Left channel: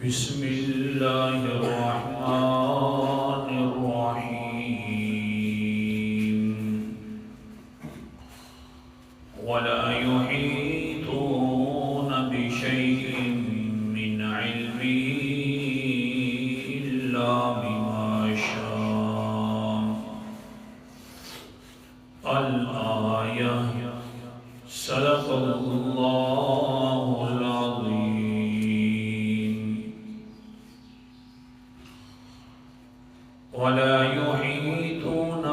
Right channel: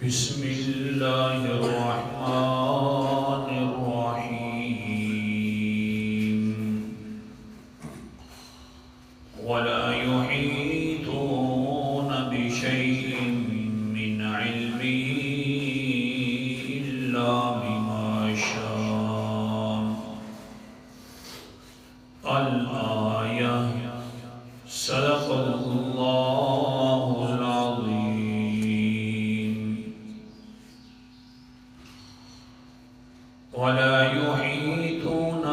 بسم اللہ الرحمن الرحیم ولا يحيطون بشيء من علمه إلا بما شاء الآية صدق اللہ العظیم ولا يحيطون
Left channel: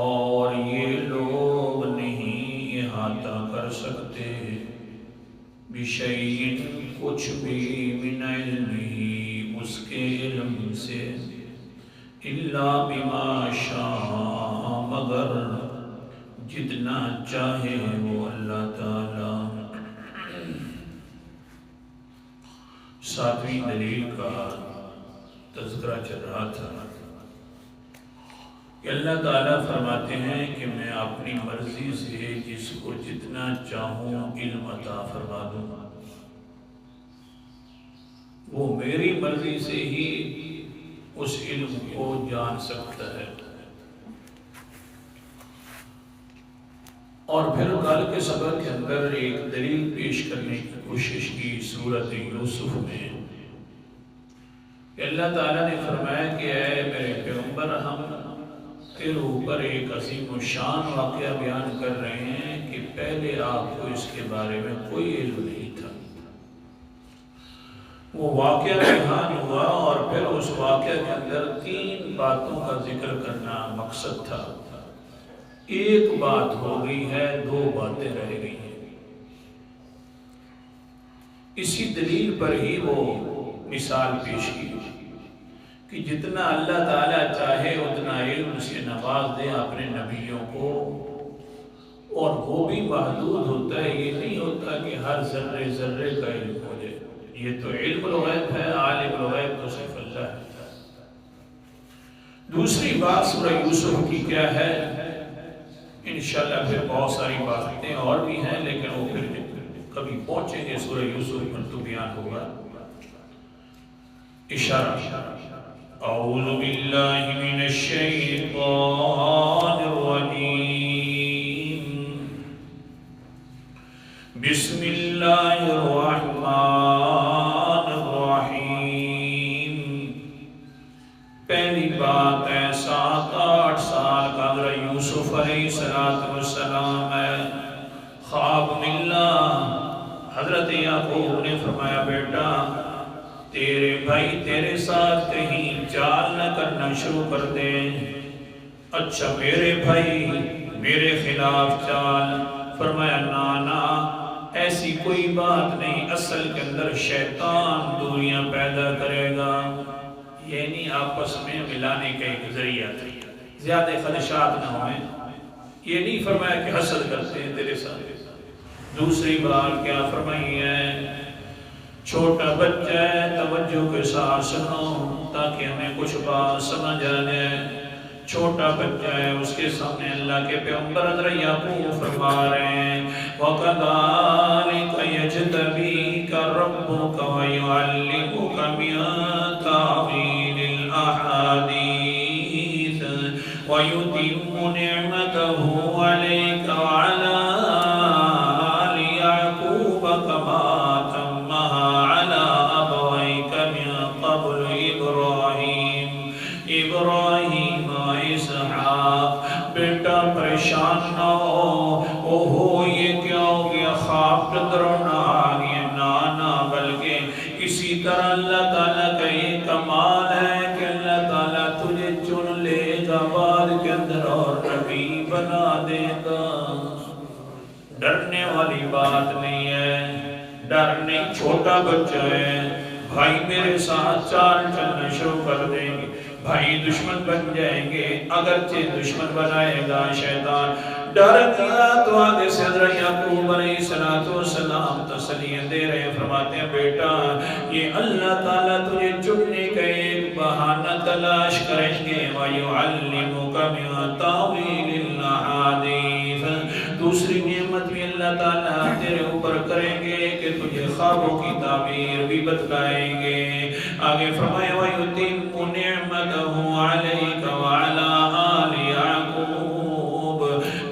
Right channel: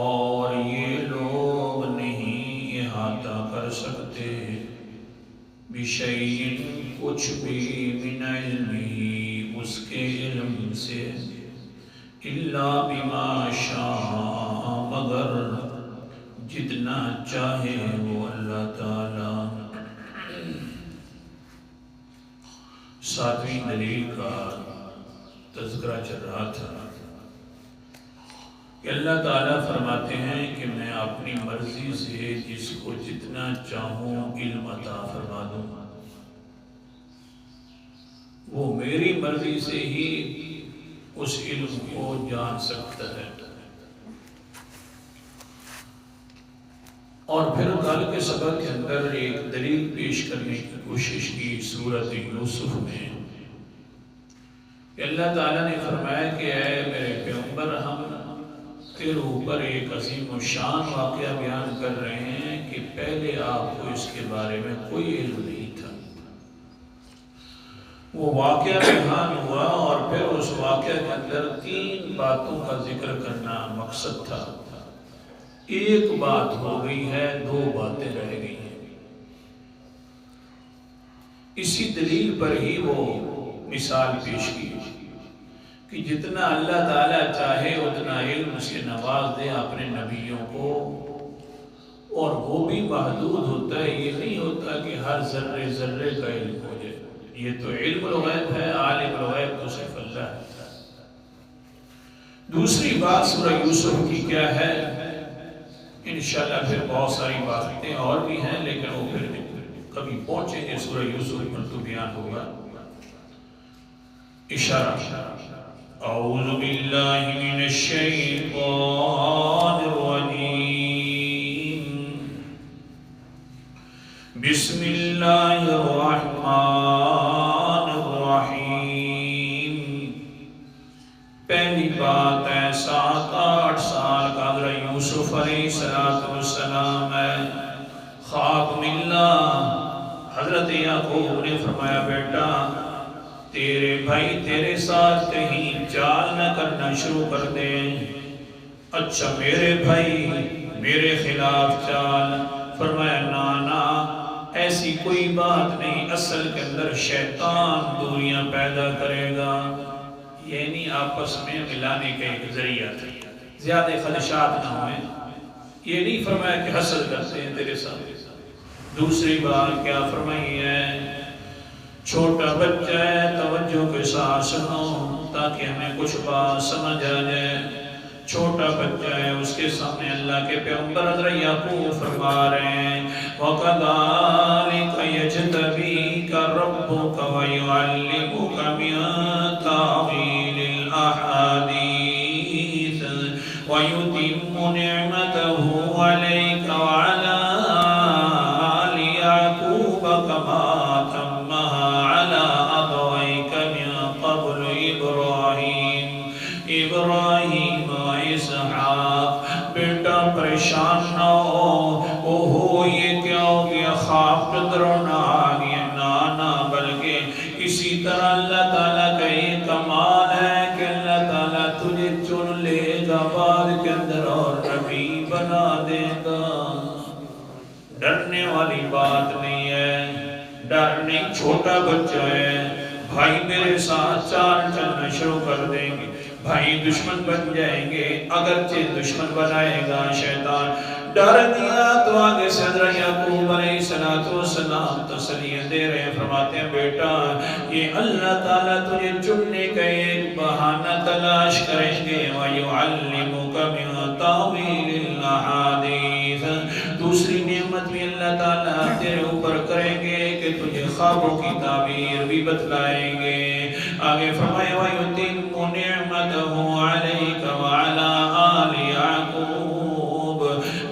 اور یہ لوگ نہیں احاطہ کر سکتے بشیء کچھ بھی من علمہ اس کے علم سے الا بما شاء مگر جتنا چاہے وہ اللہ تعالی۔ ساتویں دلیل کا تذکرہ چل رہا تھا کہ اللہ تعالیٰ فرماتے ہیں کہ میں اپنی مرضی سے جس کو جتنا چاہوں علم عطا فرما دوں، وہ میری مرضی سے ہی اس علم کو جان سکتا ہے۔ اور پھر کل کے سبق کے اندر ایک دلیل پیش کرنے کی کوشش کی سورۃ یوسف میں کہ اللہ تعالیٰ نے فرمایا کہ اے میرے پیغمبر، ہم تیرے اوپر ایک عظیم و شان واقعہ بیان کر رہے ہیں کہ پہلے آپ کو اس کے بارے میں کوئی علم نہیں تھا۔ وہ واقعہ بیان ہوا اور پھر اس واقعہ کے اندر 3 باتوں کا ذکر کرنا مقصد تھا۔ ایک بات ہو گئی ہے، 2 باتیں رہ گئی ہیں۔ اسی دلیل پر ہی وہ مثال پیش کی کہ جتنا اللہ تعالیٰ چاہے اتنا علم سے نواز دے اپنے نبیوں کو، اور وہ بھی محدود ہوتا ہے، یہ نہیں ہوتا کہ ہر ذرے ذرے کا علم ہو جائے۔ یہ تو علم الغیب ہے، عالم الغیب تو صرف اللہ ہے۔ دوسری بات سورہ یوسف کی کیا ہے؟ انشاءاللہ پھر بہت ساری باتیں اور بھی ہیں، لیکن وہ پھر کبھی پہنچیں گے سورہ یوسف پر تو بیان ہوگا۔ اشارہ اعوذ باللہ من الشیطان الرجیم بسم اللہ الرحمن الرحیم۔ پہلی بات ہے 7-8 سال کا حضرت یوسف علیہ السلام ہے، خواب ملا۔ حضرت یعقوب نے فرمایا بیٹا تیرے بھائی تیرے ساتھ کہیں چال نہ کرنا شروع کر دیں۔ اچھا میرے بھائی میرے خلاف چال؟ فرمایا نانا ایسی کوئی بات نہیں، اصل کے اندر شیطان دوریاں پیدا کرے گا، یعنی آپس میں ملانے کا ایک ذریعہ تھا، زیادہ خدشات نہ ہوئیں۔ یہ نہیں فرمایا کہ حسد کرتے ہیں تیرے ساتھ۔ دوسری بات کیا فرمائی ہے؟ چھوٹا بچہ ہے، توجہ کے ساتھ سنو تاکہ ہمیں کچھ بات سمجھ آ جائے۔ چھوٹا بچہ ہے، اس کے سامنے اللہ کے پیغمبر حضرت یعقوب فرما رہے ہیں وَكَذَلِكَ يَجْتَبِيكَ رَبُّكَ وَيُعَلِّمُكَ مِن تَأْوِيلِ الْأَحَادِيثِ وَيُتِمُّ نِعْمَتَهُ عَلَيْكَ وَعَلَى آلِ يَعْقُوبَ كَمَا أَتَمَّهَا عَلَى أَبَوَيْكَ مِن قَبْلُ إِبْرَاهِيمَ وَإِسْحَاقَ۔ بیٹا پریشان نہ ہو، اوہو یہ کیا ہو گیا، خواب کے درونہ آ گیا؟ نانا بلکہ اسی طرح اللہ تعالیٰ کا یہ کمال ہے کہ اللہ تعالیٰ تجھے چن لے گا، بعد کے اندر اور نبی بنا دے گا۔ ڈرنے والی بات نہیں ہے، ڈر نہیں، چھوٹا بچہ ہے۔ بھائی میرے ساتھ چال چلنا شروع کر دیں گے، بھائی دشمن بن جائیں گے، اگرچہ دشمن بنائے گا شیطان۔ ڈر دیا تو آگے سے حضرت یعقوب علیہ السلام تسلیاں دے رہے ہیں، فرماتے ہیں بیٹا یہ اللہ تعالیٰ تجھے چننے کا ایک بہانہ تلاش کریں گے۔ وَيُعَلِّمُكَ مِن تَأْوِيلِ الْأَحَادِيثِ۔ دوسری نعمت نعمت بھی اللہ تعالیٰ تیرے اوپر کریں گے کہ تجھے خوابوں کی تعبیر بھی بتلائیں گے۔ آگے فرمایا وَيُتِمُّ نِعْمَتَهُ عَلَيْكَ وَعَلَىٰ آلِ يَعْقُوبَ،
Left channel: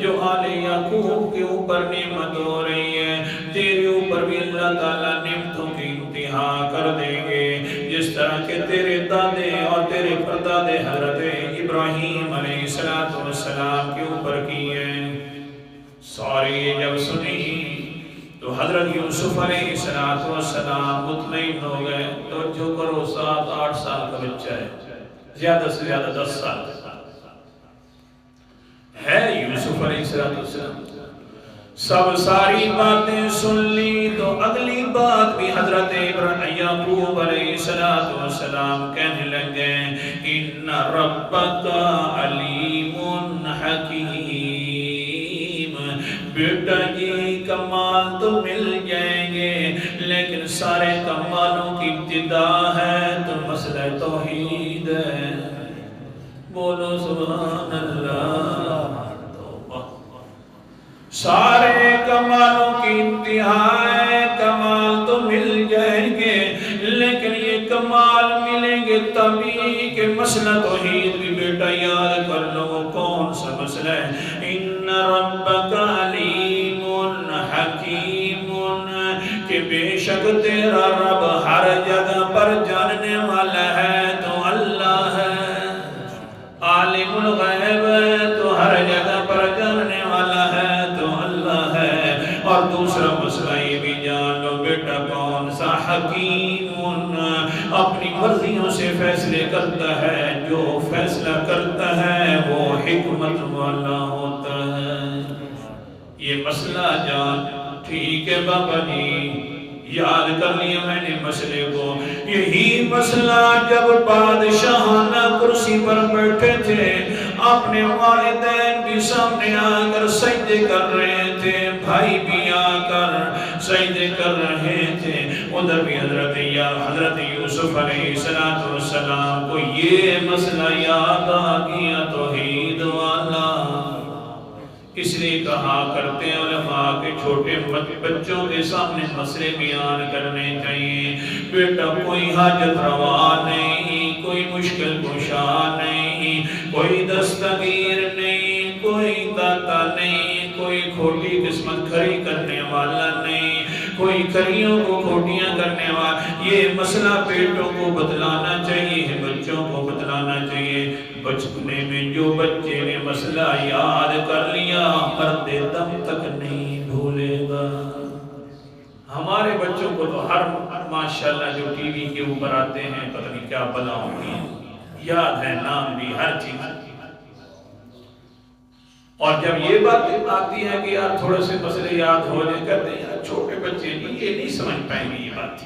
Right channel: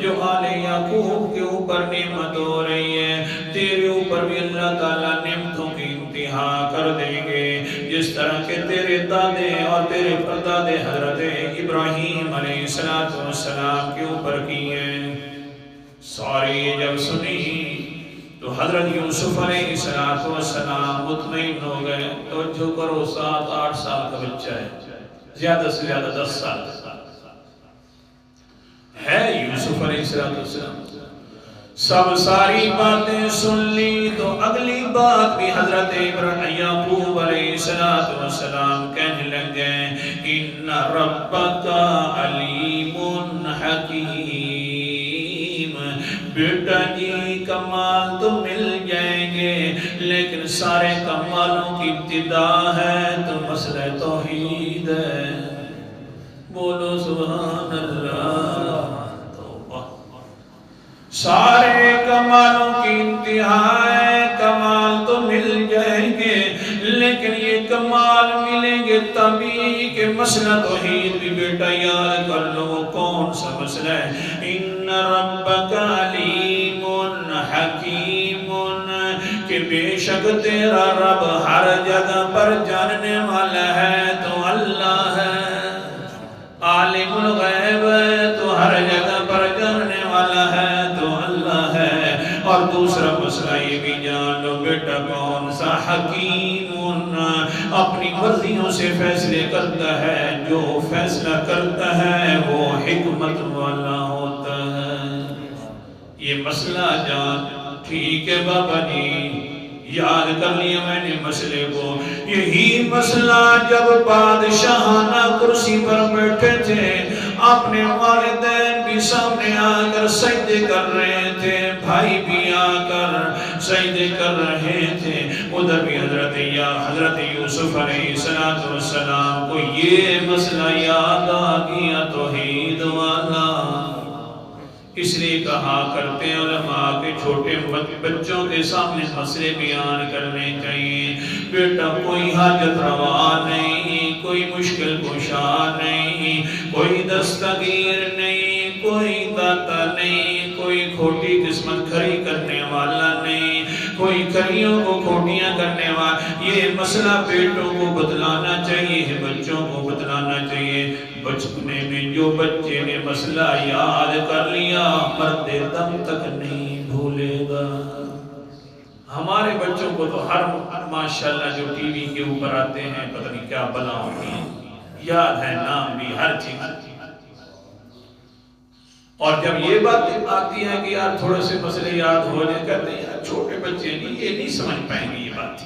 جو آل یعقوب کے اوپر نعمت ہو رہی ہے، تیرے اوپر بھی اللہ تعالیٰ نعمتوں کی انتہا کر دیں گے، جس طرح کہ تیرے دادے اور تیرے پردادے حضرت ابراہیم علیہ السلام کے اوپر کی ہیں۔ سارے جب سنی تو حضرت یوسف علیہ السلام مطمئن ہو گئے۔ توجہ کرو، 7-8 سال کا بچہ ہے، زیادہ سے زیادہ 10 سال ہے یوسف علیہ السلام۔ سب ساری باتیں سن لی تو اگلی بات بھی حضرت یعقوب علیہ السلام کہنے لگے، ان ربک علیم حکیم، بیٹا جی کمال تو مل جائیں گے، لیکن سارے کمالوں کی ابتدا ہے تو مسئلہ توحید ہے۔ بولو سبحان اللہ۔ سارے کمالوں کی انتہا ہے، کمال تو مل جائیں گے، لیکن یہ کمال ملیں گے تبھی کہ مسئلہ توحید بھی بیٹا یاد کر لو۔ کون سا مسئلہ ہے؟ ان ربک علیم حکیم، کہ بے شک تیرا رب ہر جگہ پر جاننے والا ہے تو اللہ ہے، عالم الغیب ہے تو ہر جگہ پر جاننے والا ہے تو اللہ ہے۔ اور دوسرا مسئلہ یہ بھی جان لو بیٹا کون سا؟ حکیم، اپنی مرضیوں سے فیصلے کرتا ہے، جو فیصلہ کرتا ہے وہ حکمت والا ہوتا ہے۔ یہ مسئلہ جان ٹھیک ہے بابا جی، یاد کر لیا میں نے مسئلے کو۔ یہی مسئلہ جب بادشاہانہ کرسی پر بیٹھے تھے، اپنے والدین بھی سامنے آ کر سجدے کر رہے تھے، بھائی بھی آ کر سجدے کر رہے تھے، ادھر بھی حضرت یوسف علیہ السلام کو یہ مسئلہ یاد آ گیا توحید والا۔ اس لیے کہا کرتے ہیں علماء کے چھوٹے بچوں کے سامنے مسئلے بیان کرنے چاہیے۔ بیٹا کوئی حاجت روا نہیں، کوئی مشکل کشا نہیں، کوئی دستگیر نہیں، کوئی داتا نہیں، کوئی کھوٹی قسمت کھری کرنے والا نہیں، کوئی کھریوں کو کھوٹیاں کرنے والا۔ یہ مسئلہ بیٹوں کو بتلانا چاہیے، بچوں کو بتلانا چاہیے۔ بچپنے میں جو بچے نے مسئلہ یاد کر لیا مرتے دم تک نہیں بھولے گا۔ ہمارے بچوں کو تو ہر ماشاءاللہ جو ٹی وی کے اوپر آتے ہیں پتہ نہیں کیا بلا ہوتی ہیں، یاد ہے نام بھی ہر چیز۔ اور جب یہ بات آتی ہے کہ یار تھوڑے سے مسئلے یاد ہو جائیں، کہتے ہیں یار چھوٹے بچے نہیں، یہ نہیں سمجھ پائیں گے یہ بات۔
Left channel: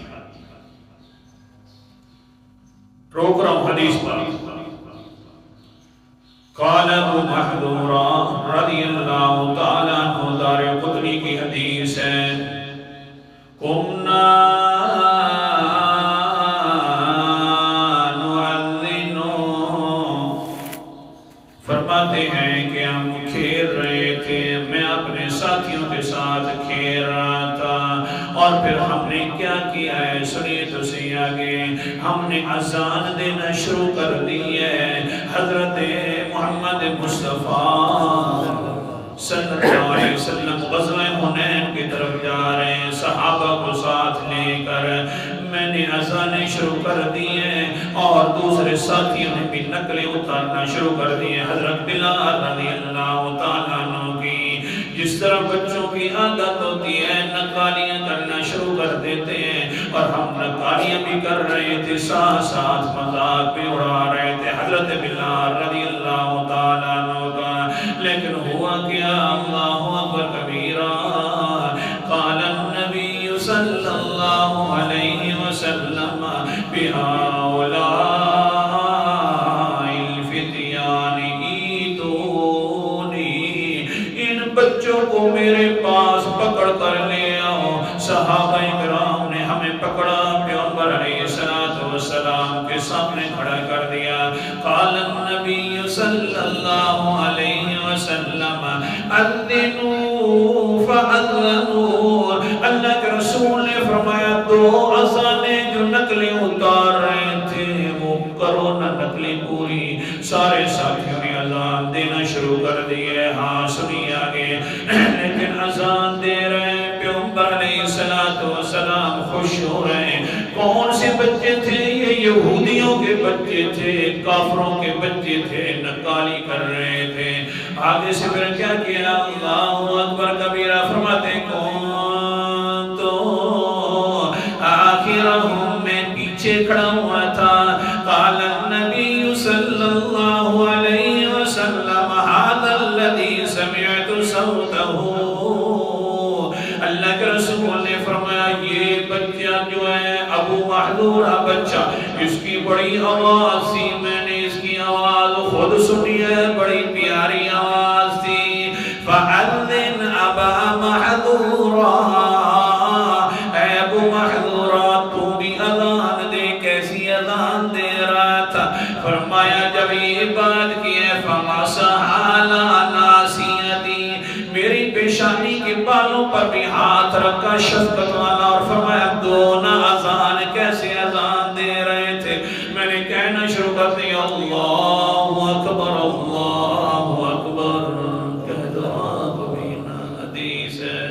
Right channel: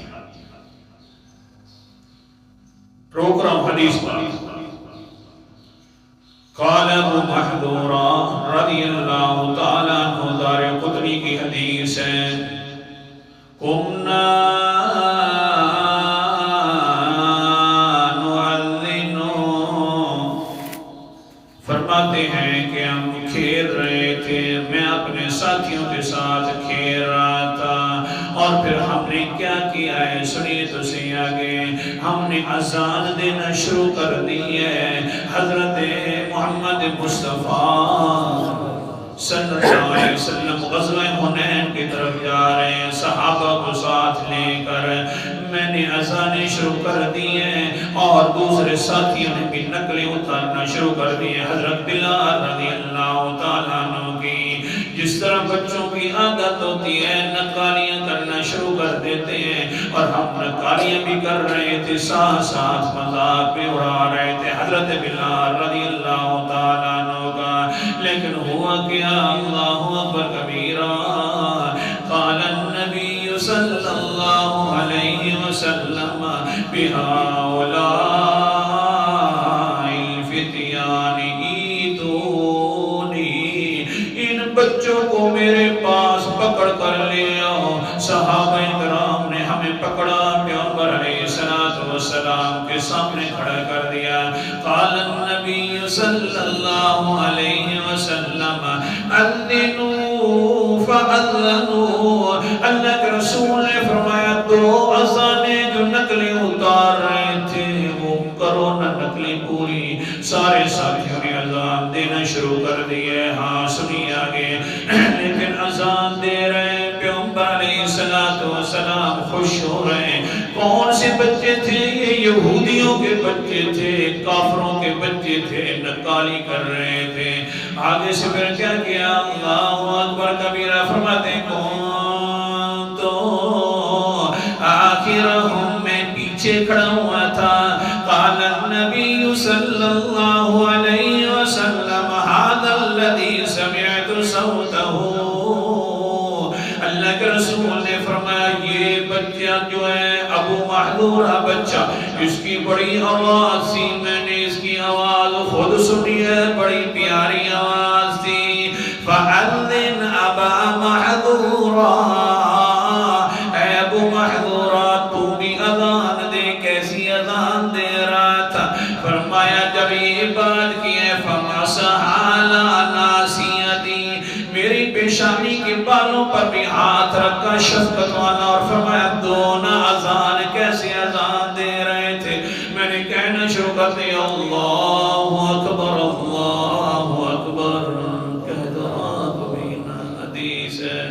روک رہا ہوں حدیث پر۔ قال ابو محذورہ رضی اللہ تعالیٰ عنہ، دارقطنی کی حدیث ہے، قمنا نعذن، فرماتے ہیں کہ ہم کھیل رہے تھے، میں اپنے ساتھیوں کے ساتھ کھیل رہا تھا، اور پھر ہم نے کیا کیا ہے سنیے تو صحیح آگے، ہم نے اذان دینا شروع کر دی ہے۔ حضرت محمد مصطفیٰ صلی اللہ علیہ وسلم غزوہ حنین کی طرف جا رہے ہیں، صحابہ کو ساتھ لے کر میں نے اذانیں شروع کر دی ہیں، اور دوسرے ساتھیوں نے بھی نقلیں اتارنا شروع کر دی ہیں۔ حضرت بلال رضی اللہ تعالیٰ عنہ کی جس طرح بچوں کی عادت ہوتی ہے نقالیاں کرنا شروع کر دیتے ہیں، اور ہم نقالیاں بھی کر رہے تھے، ساتھ ساتھ مذاق بھی اڑا رہے تھے حضرت بلال رضی اللہ تعالیٰ عنہ کا۔ لیکن ہوا کیا؟ اللہ اکبر کبیرہ، قال النبی صلی اللہ علیہ وسلم بہؤلاء الفتیان ایتونی، ان بچوں کو میرے پاس پکڑ کر لے آؤ۔ صحابہ کرام نے ہمیں پکڑا، پیغمبر علیہ السلام کے سامنے کھڑا کر دیا۔ قال النبی صلی اللہ علیہ وسلم اذنوا رسول نے فرمایا 2 اذانیں جو نقلی اتار رہے تھے وہ کرو نہ نقلی پوری. سارے ساتھیوں نے اذان دینا شروع کر دیے. ہاں سنی آگے. لیکن اذان دے رہے ہیں پیغمبر علیہ السلام خوش ہو رہے ہیں. کون سے بچے تھے؟ یہ یہودیوں کے بچے تھے, کافروں کے بچے تھے, نقالی کر رہے تھے. آگے سے پھر کیا کیا؟ اللہ اکبر کبیرہ فرماتے ہیں کون تو آخرہم میں پیچھے کھڑا ہوا تھا. قال النبی صلی اللہ علیہ وسلم هذا الذي سمعت صوته. اللہ کے رسول نے فرمایا یہ بچہ جو ہے ابو محذورہ بچہ, اس کی بڑی آواز تھی, میں نے اس کی آواز خود سنی ہے, بڑی پیاری آواز تھی. فَأَذِّنْ أَبَا مَحْذُورًا, اے ابو محذورہ تو بھی اذان دے. کیسی اذان دے رہا تھا؟ فرمایا جب یہ بات کی ہے فَمَسَحَ عَلَى نَاصِيَتِي, میری پیشانی کے بالوں پر بھی ہاتھ رکھا شفقت والا, اور فرمایا 2 اذان کیسے اذان دے رہے تھے. میں نے کہنا شروع کر دیا اللہ اکبر اللہ اکبر. کہہ دو تو بھی نا حدیث ہے,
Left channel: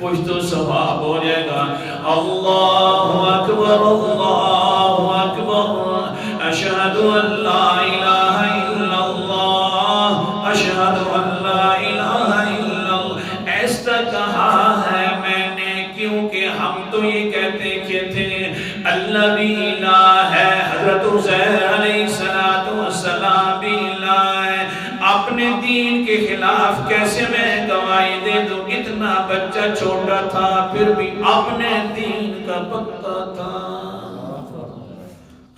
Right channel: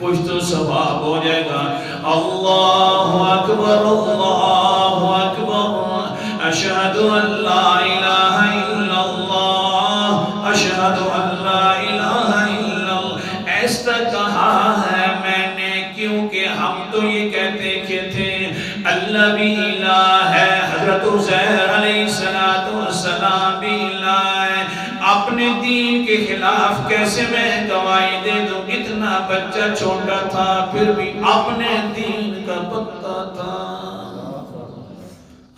کچھ تو ثواب ہو جائے گا. اللہ اکبر اشہد ان لا الہ الا اللہ اشہد ان لا الہ الا اللہ. ایسا کہا ہے میں نے کیونکہ ہم تو یہ کہتے کہ تھے اللہ بھی الہ ہے, حضرت عزیر علیہ السلام بھی الہ ہے. اپنے دین کے خلاف کیسے میں گواہی دے دوں؟ اتنا بچہ چھوٹا تھا پھر بھی اپنے دین کا پتہ تھا.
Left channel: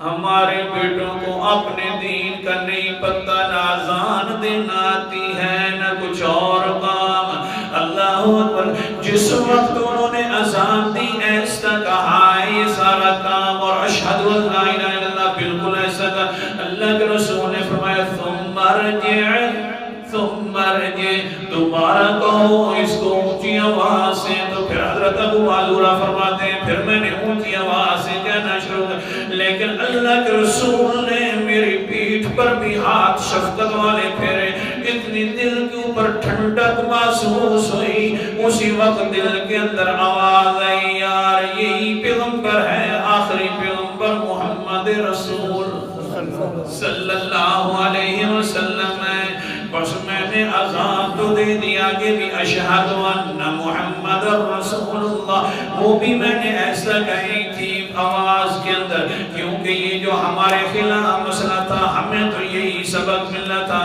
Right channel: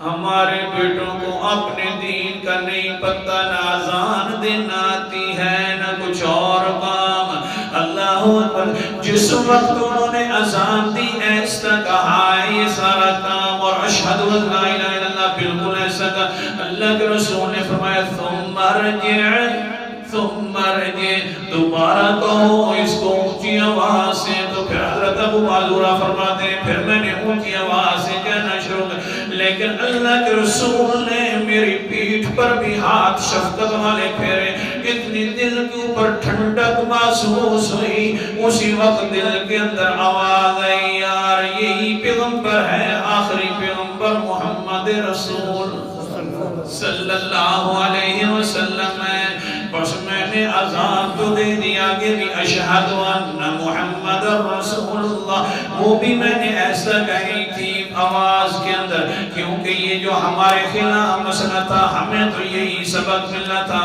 ہمارے بیٹوں کو اپنے دین کا نہیں پتہ, نہ اذان دینا آتی ہے نہ کچھ اور کام. اللہ اکبر. جس وقت انہوں نے اذان دی ایسا کہا ہے یہ سارا کام, اور اشہد ان لا الہ الا اللہ بالکل ایسا کہا. اللہ کے رسول نے فرمایا ثم ارجع, دوبارہ کہو اس کو اونچی آواز سے. تو پھر حضرت ابو محذورہ فرماتے ہیں پھر میں نے اونچی آواز سے کہنا شروع کر, لیکن اللہ کے رسول نے میری پیٹھ پر بھی ہاتھ شفقت والے پھیرے. اتنی دل کے اوپر ٹھنڈک محسوس ہوئی. اسی وقت دل کے اندر آواز آئی یار یہی پیغمبر ہے, آخری پیغمبر محمد رسول صلی اللہ علیہ وسلم ہے. بس میں نے اذان تو دے دی, آگے بھی اشہد ان محمد رسول اللہ وہ بھی میں نے ایسا کہی تھی آواز کے اندر, کیونکہ یہ جو ہمارے خلاف مسئلہ تھا ہمیں تو یہی سبق ملنا تھا.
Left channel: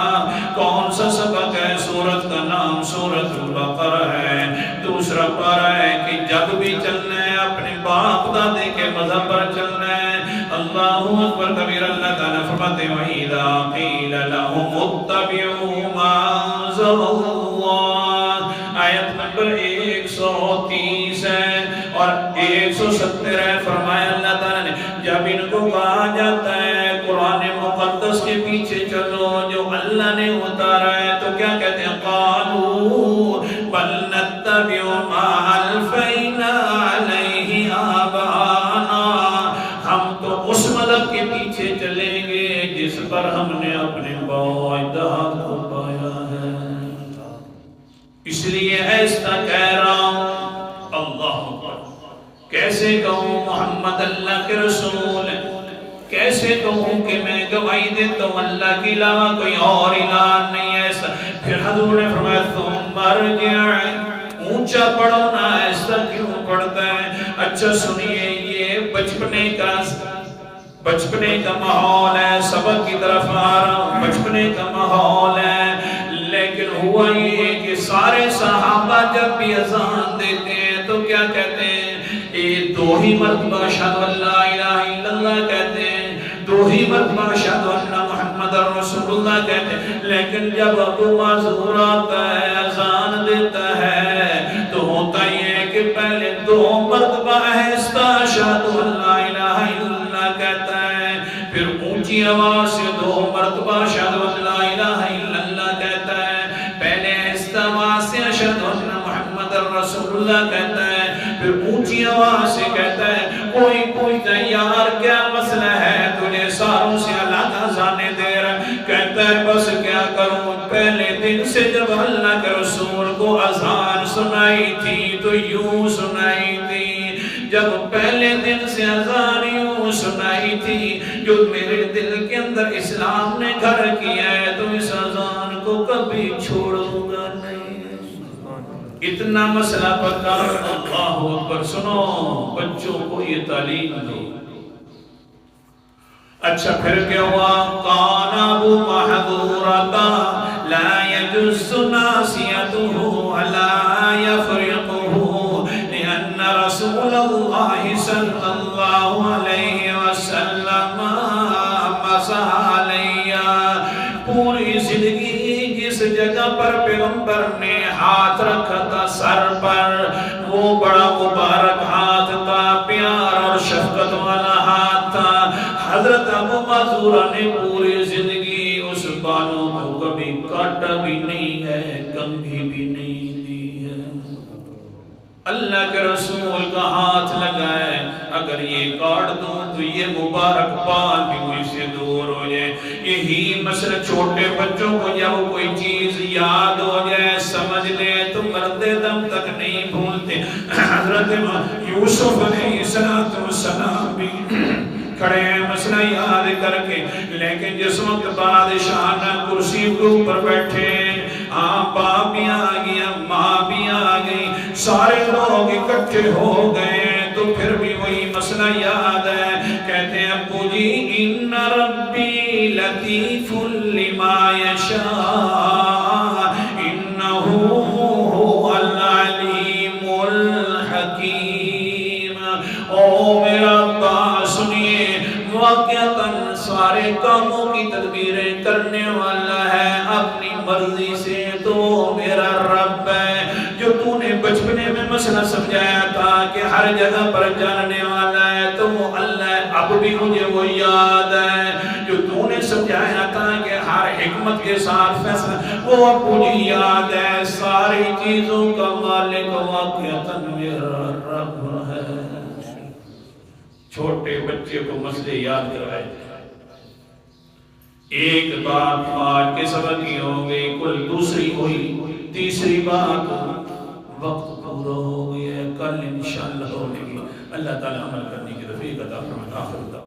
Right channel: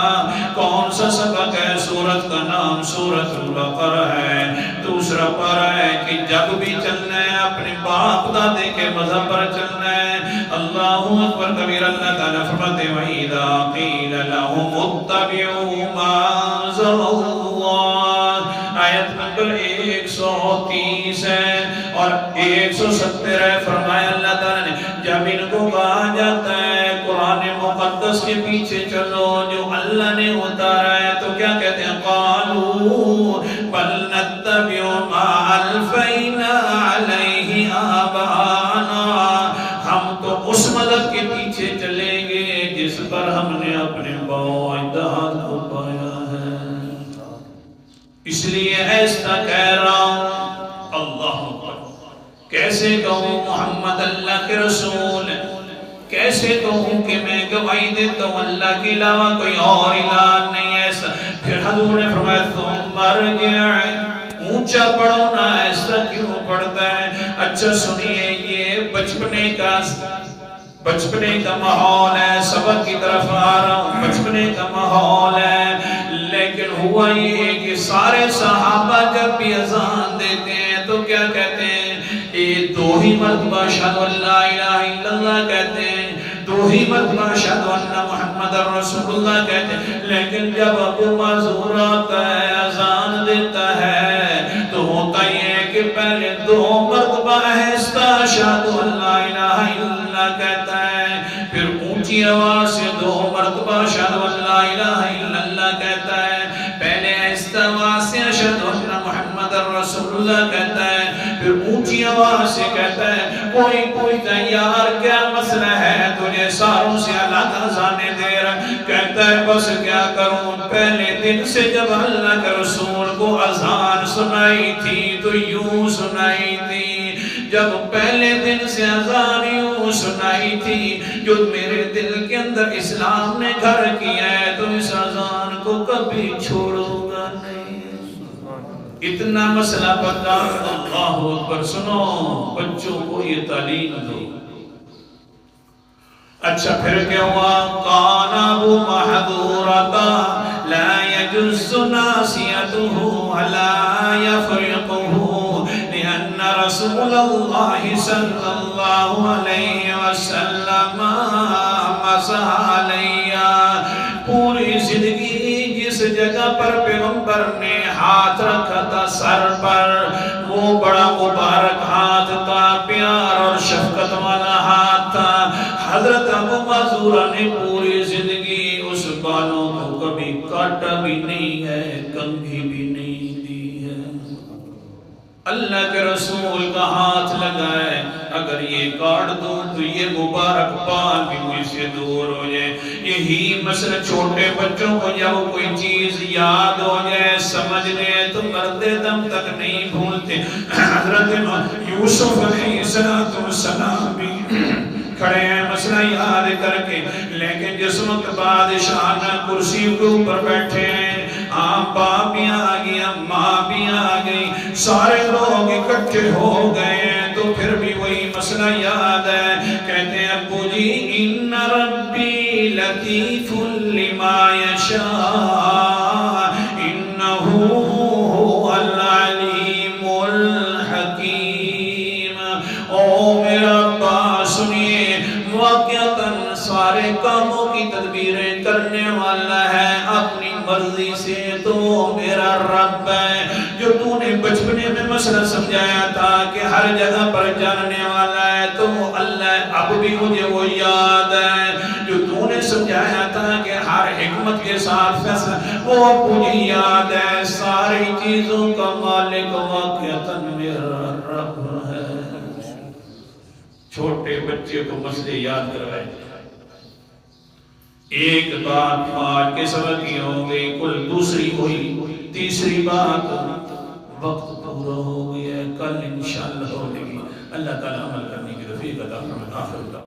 کون سا سبق ہے؟ سورت کا نام سورت البقرہ ہے. دوسرا پارہ ہے کہ جب بھی چلنا ہے اپنے باپ دادے کے مذہب پر چلنا ہے. اللہ اکبر کبیر. اللہ تعالیٰ فرماتے ہیں وَإِذَا قِيلَ لَهُمُ اتَّبِعُوا مَا أَنزَلَ اللَّهُ. آیت نمبر 130 ہے اور 170 ہے. فرمایا اللہ تعالیٰ نے جب ان کو کہا جاتا ہے قرآن مقدس کے پیچھے چلو جو اللہ نے اتارا ہے, تو کیا کہتے ہیں؟ قَالُوا بَلْ نَتَّبِعُ مَا أَلْفَيْنَا عَلَيْهِ آبَاءَنَا. ہم تو اس مذہب کے پیچھے چلیں گے جس پر ہم نے اپنے باپ اجداد کو پایا ہے. اس لیے ایسا کہہ رہا ہوں. اللہ کیسے کہوں محمد اللہ کے رسول, کیسے کہوں کہ میں گواہی دیتا ہوں اللہ کے علاوہ کوئی اور الہ نہیں ایسا. پھر حضور نے فرمایا ثم ارجع, اونچا پڑھو نا, ایسا کیوں پڑھتا ہے؟ اچھا سنیے, یہ بچپنے کا ماحول ہے, سبق کی طرف آ رہا ہوں, بچپنے کا ماحول ہے. لیکن ہوا یہ کہ سارے صحابہ جب بھی اذان دیتے ہیں تو کیا کہتے ہیں؟ یہ 2 ہی مرتبہ اشہد ان لا الہ الا اللہ کہتے ہیں, 2 ہی مرتبہ اشہد ان محمد رسول اللہ کہتے ہیں. لیکن جب ابو معذور آتا ہے اذان دیتا ہے تو ہوتا یہ ہے کہ پہلے 2 مرتبہ آہستہ اشہد ان لا الہ الا اللہ کہتا ہے, پھر اونچی آواز سے 2 مرتبہ اشہد ان لا الہ الا اللہ کہتا ہے. پہلے آہستہ آواز سے اشہد ان محمد رسول اللہ کہتا ہے, پھر اونچی آواز سے کہتا ہے کوئی پوچھتا ہے یار کیا مسئلہ ہے تجھے ساروں سے الگ اذانیں دے رہا ہے؟ کہتا ہے بس کیا کروں، پہلے دن سے جب اللہ کے رسول کو اذان سنائی تھی تو یوں سنائی تھی، جب پہلے دن سے اذان یوں سنائی تھی، جو میرے دل کے اندر اسلام نے گھر کیا ہے تو اس اذان کو کبھی چھوڑوں گا نہیں۔ اتنا مسئلہ پکا، اللہ اکبر۔ سنو بچوں کو یہ تعلیم دو۔ اچھا پھر کیا ہوا؟ قانہ محدورتا لا يجوز ناسیتہ ولا یفرقہ لأن رسول اللہ صلی اللہ علیہ وسلم مسح علیہ۔ پوری زندگی جس جگہ پر پیغمبر نے ہاتھ رکھا تھا سر پر، وہ بڑا مبارک ہاتھ تھا، پیار اور شفقت والا ہاتھ تھا۔ حضرت ابو معذورہ نے پوری زندگی اس بالوں کو کبھی کاٹا بھی نہیں ہے، کنگھی بھی نہیں دی ہے۔ اللہ کے رسول کا ہاتھ لگائے، اگر یہ کاٹ دوں تو یہ مبارک بال بھی مجھ سے دور ہو جائے۔ یہی مسئلہ چھوٹے بچوں کو جب کوئی چیز یاد ہو جائے سمجھ لے تو مردے دم تک نہیں بھولتے۔ حضرت یوسف علیہ السلام بھی کھڑے ہیں مسئلہ یاد کر کے، لیکن جس وقت بادشاہ نے کرسی کے اوپر بیٹھے ہیں، باپ بھی آ گیا، ماں بھی آ گئی، سارے لوگ اکٹھے ہو گئے ہیں، تو پھر بھی وہی مسئلہ یاد ہے۔ کہتے ہیں ابو جی ان ربی لطیف لما یشاء انہ هو العلیم الحکیم۔ او میرا ابا سنیے، واقعتاً سارے کاموں کی تدبیریں کرنے والا ہے اپنی مرضی سے تو میرا رب ہے۔ جو تو نے بچپنے میں مسئلہ سمجھایا تھا کہ ہر جگہ پر جاننے والا ہے تو اللہ اب بھی مجھے وہ یاد ہے۔ جو تو نے سمجھایا تھا کہ ہر حکمت کے ساتھ فیصلہ، وہ اب مجھے یاد ہے۔ ساری چیزوں کا مالک واقعتاً میرا رب ہے۔ چھوٹے بچے کو مسئلے یاد کروائے۔ ایک بات آج کے سبق کی ہو گئی، کل دوسری ہوئی، تیسری بات وقت پورا ہو گیا ہے، کل انشاءاللہ ہوگی۔ اللہ تعالیٰ عمل کرنے کی توفیق عطا فرمائے۔